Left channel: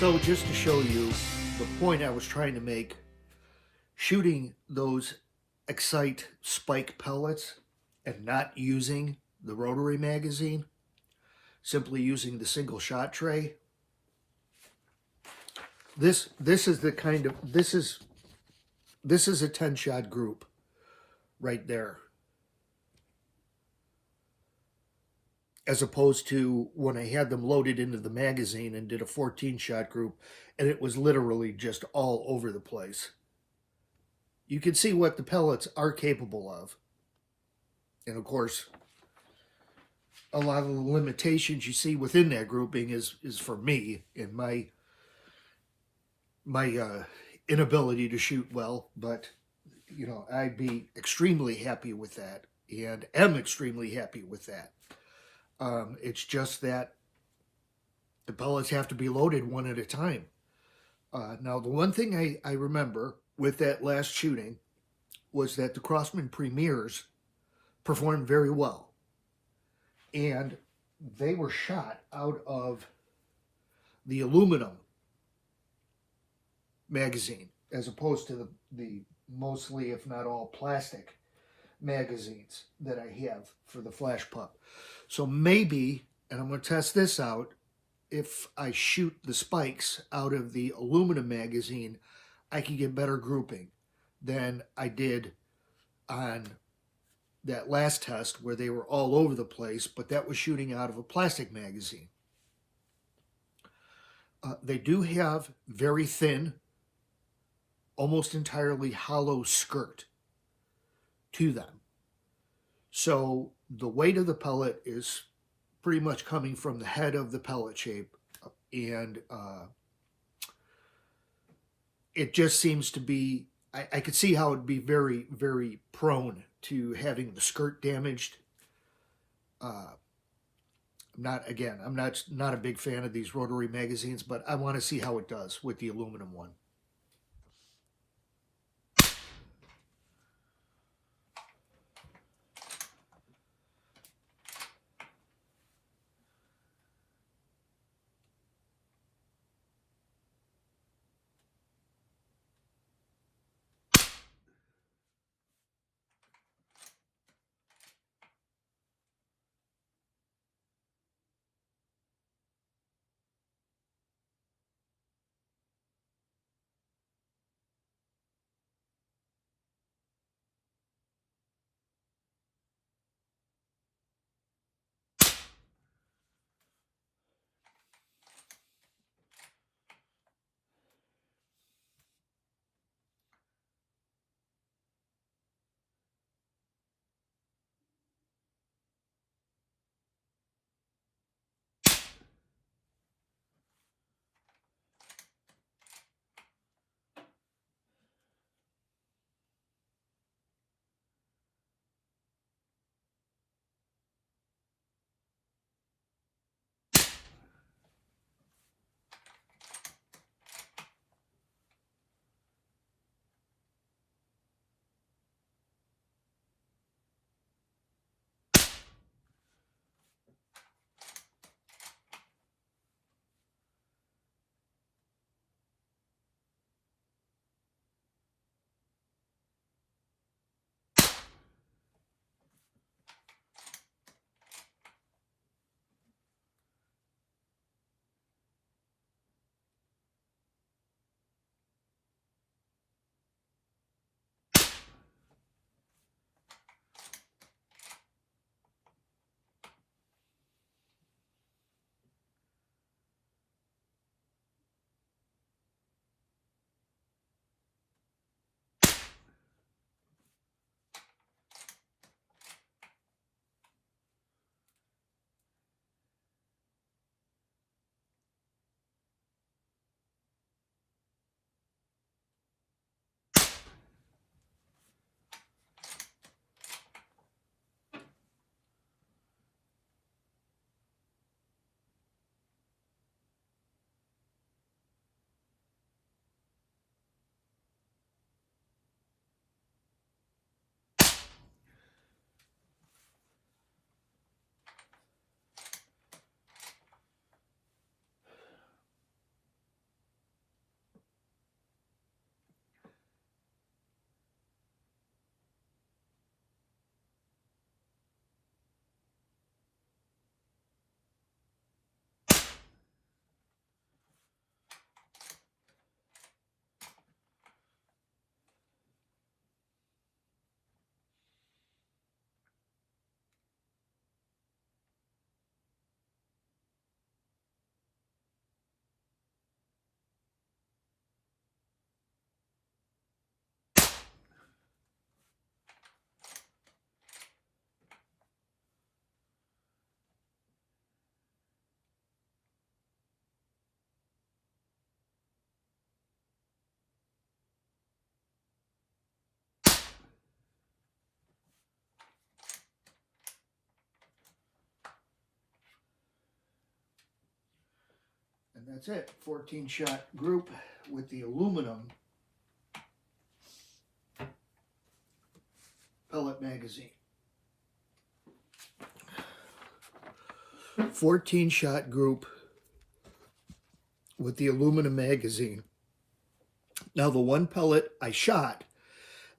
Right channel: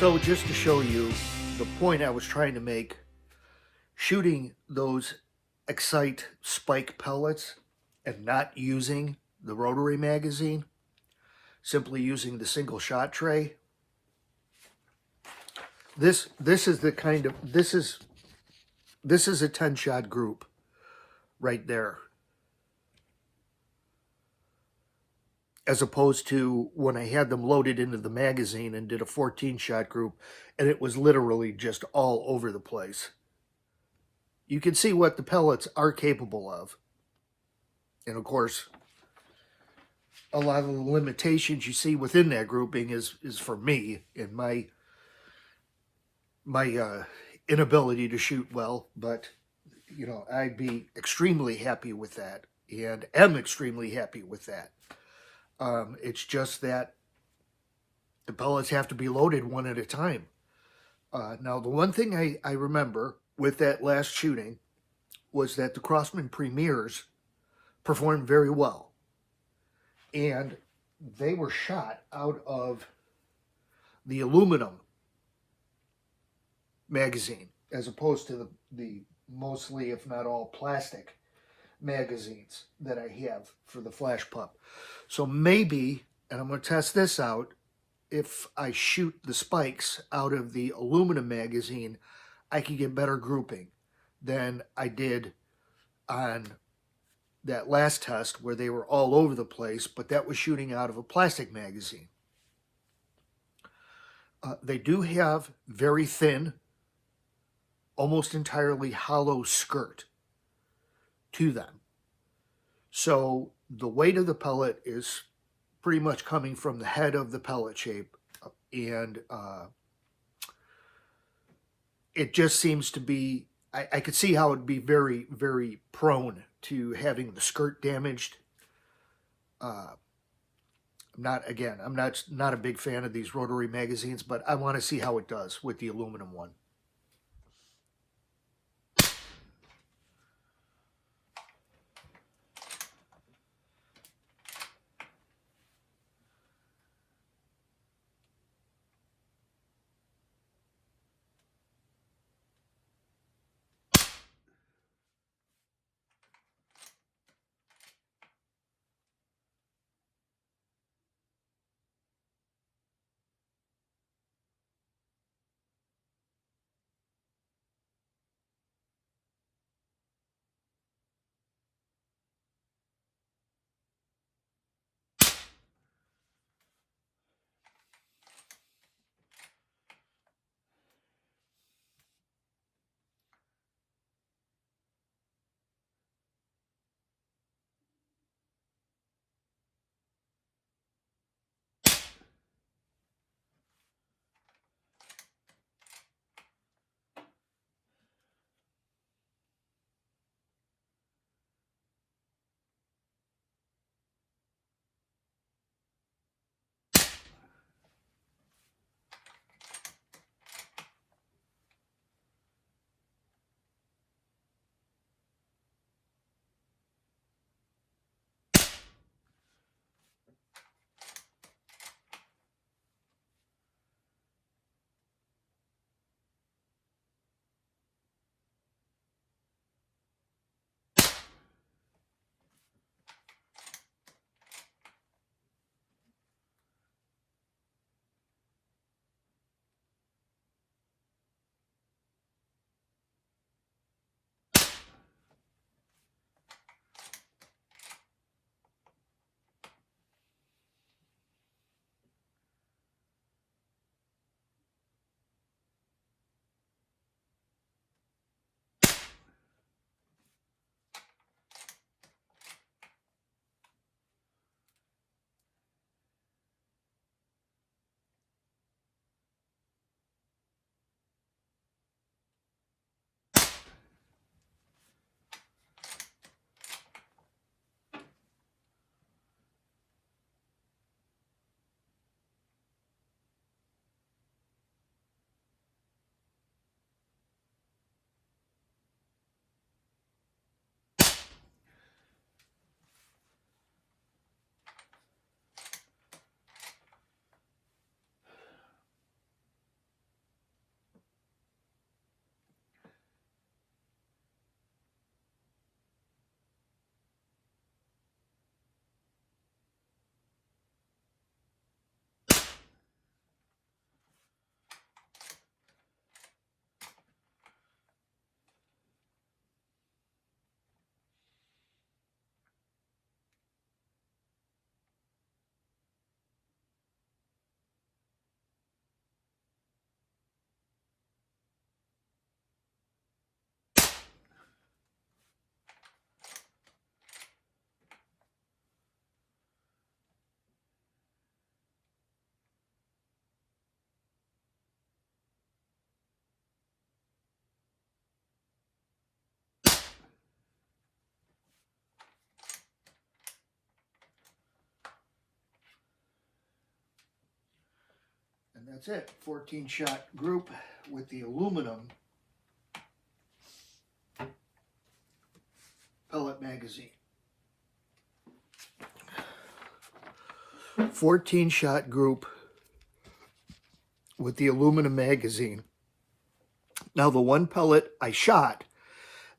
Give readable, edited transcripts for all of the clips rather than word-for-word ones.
So just to show you the point I was trying to make, shooting those Excite spike pellets and not using the rotary magazine, simply using the single shot tray. This is the kind of this is a 10 shot group right there, as opposed to when I had them loaded into the magazine and did a 14 shot group, and it was literally just all over the place. You can see what the pellets are capable of. And of course, a lot of the limitations you see within that grouping is for me and my inability to shoot well. But, you know, I'd be extremely happy with that, and am extremely happy with that. It's just that the pellets have to be loaded one at a time. Now, the one thing I remember with that last shooting was that the Crossman Premiers performed very well. And they were shot out of the aluminum magazine, as opposed to the mostly, if not all, plastic magazines that I have for the Flash Pup. So maybe, and I'm going to test this out, if I shoot the spikes out of the aluminum magazine, I can get better grouping than I did on that last test where they were all over the place, but that was shooting out of a plastic magazine. They do have very thin, almost entirely hollow skirt to them. So the weight of the pellet is pretty much coming from the head of the pellet shape, and it just seems to be, I could see how it'd be very, very prone to having the skirt damaged. I'm not a big fan of these rotary magazines, but I want to see how it does with the aluminum one. that's it. 14 shot group with the aluminum pellet magazine. 14 shot group with the aluminum magazine. Now, the one pellet I shot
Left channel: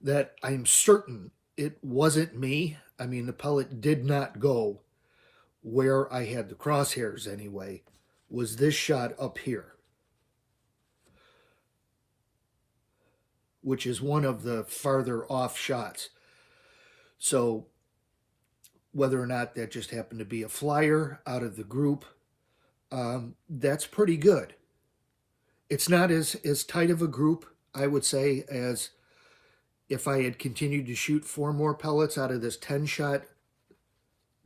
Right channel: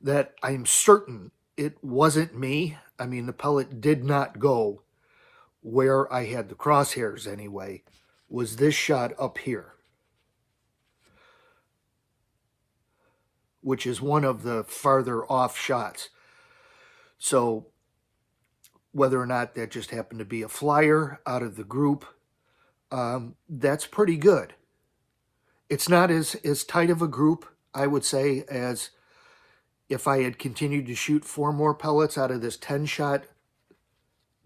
that I'm certain it wasn't me, I mean, the pellet did not go where I had the crosshairs anyway, was this shot up here, which is one of the farther off shots. So whether or not that just happened to be a flyer out of the group, that's pretty good. It's not as tight of a group, I would say, as if I had continued to shoot 4 more pellets out of this 10-shot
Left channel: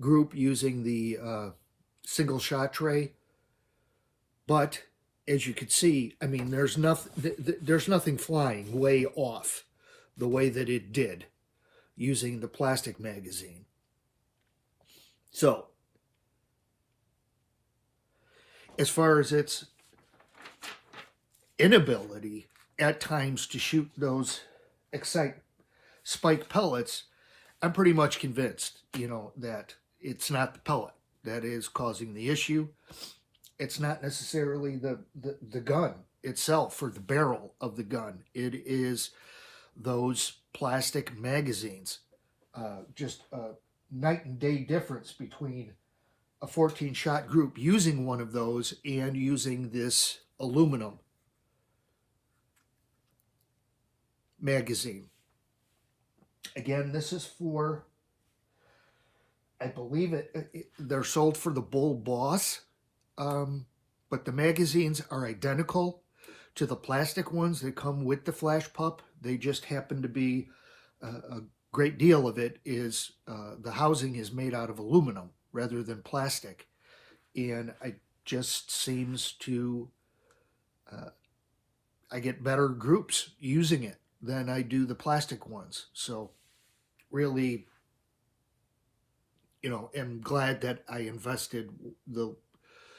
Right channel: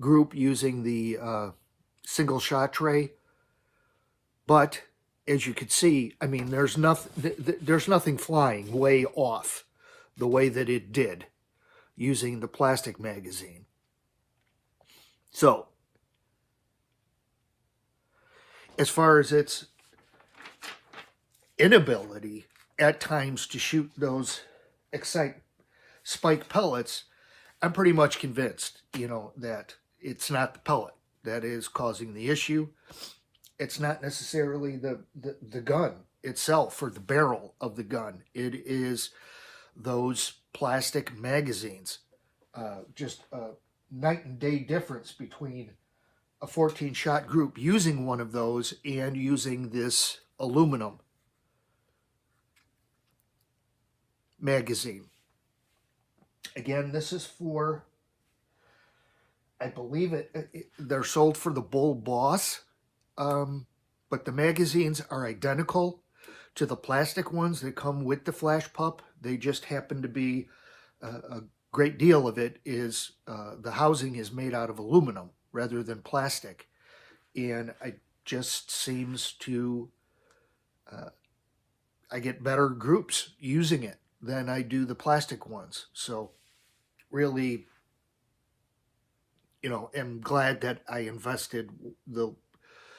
group using the single shot tray. But as you can see, I mean, there's nothing flying way off the way that it did using the plastic magazine. So, as far as its inability at times to shoot those Excite spike pellets, I'm pretty much convinced, that it's not the pellet that is causing the issue. It's not necessarily the gun itself or the barrel of the gun. It is those plastic magazines. Just a night and day difference between a 14-shot group using one of those and using this aluminum magazine. Again, this is for, I believe they're sold for the Bull Boss, but the magazines are identical to the plastic ones that come with the Flash Pup. They just happen to be, a great deal of it is, the housing is made out of aluminum rather than plastic. And it just seems to, I get better groups using it than I do the plastic ones. So really, am glad that I invested the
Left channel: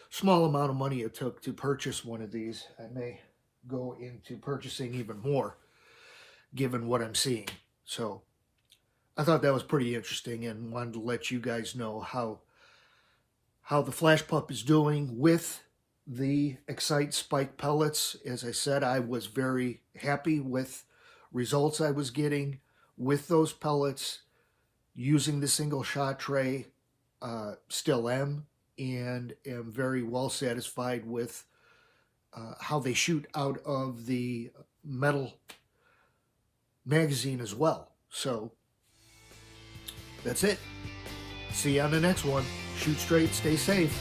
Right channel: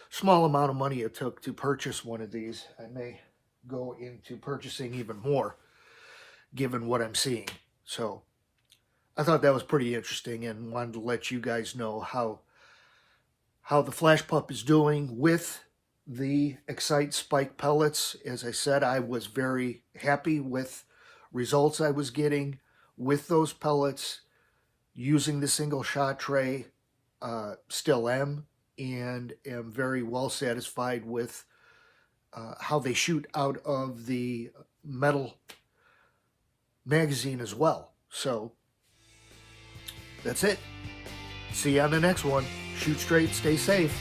small amount of money it took to purchase one of these. I may go into purchasing even more given what I'm seeing. So I thought that was pretty interesting and wanted to let you guys know how the Flash Pup is doing with the Excite Spike pellets. As I said, I was very happy with results I was getting with those pellets using the single shot tray. Still am, and am very well satisfied with how they shoot out of the metal magazine as well. So that's it. See you on the next one. Shoot straight, stay safe.